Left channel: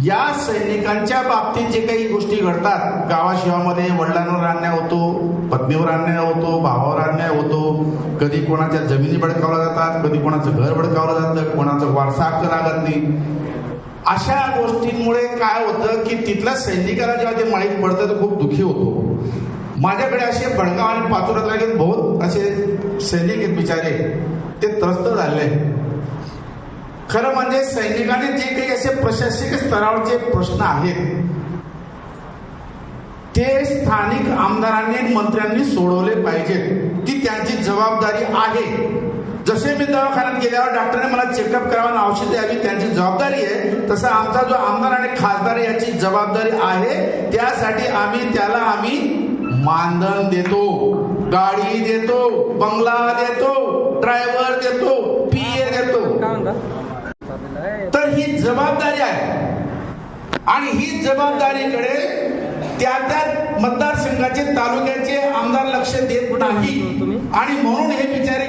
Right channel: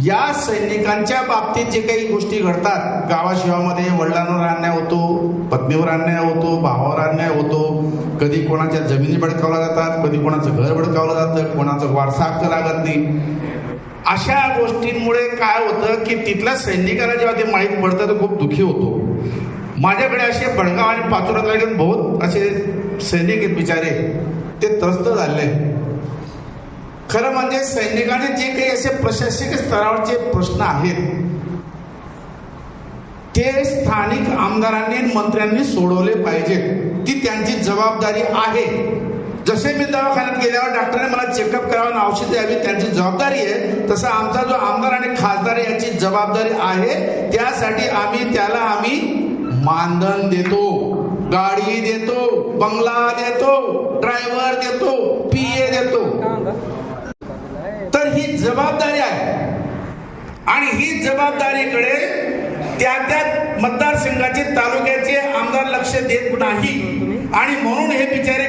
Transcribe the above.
या सैनिकांच्या बाबतीत जे काही गोष्टी घडतात गावाशिवामध्ये वडिलांवर अन्याय होतो पत्नीवर अन्याय होतो भावावर अन्याय होतो कधी कोणाच्या जमिनी भडकावल्या जातात कधी कोणाचं घर भडकावलं जातं कोणाचं वारसा हक्क लागत नाही. अशा गोष्टींमुळे काय होतं की तिथल्या सैनिकाला जेव्हा ते माहीत पडतं तर खूप दुःखी होतो. माझ्याकडे असे बडगाव आणि पातुरात लागेल बहुत असे सैनिक आहेत बिचारे. ते त्रस्त झाले खरं म्हणजे सैनिकांनी जे काही असे प्रशासकीय स्तरावरचे प्रश्न आहेत ते स्थानिक आमदारांनी मंत्र्यांनी सोडवले पाहिजेत. ती त्यांची जबाबदारी आहे. जसे मी दवाखान्यात गेल्यावर डॉक्टरने मला चेकअप करावं औषध द्यावी त्यांची जबाबदारी आहे तसं आमचा जो आमदार आणि खासदार आहे याची जबाबदारी आहे. त्यासाठी आम्ही त्याला आम्ही मानधन देतो गाडी देतो बंगला तर ही जबाबदारी आहे. आणि ही जबाबदारीकडे त्या त्या मतदारसंघाचे तालुक्याचे आमदार लक्ष देत नाही. आणि म्हणून हे बिचारे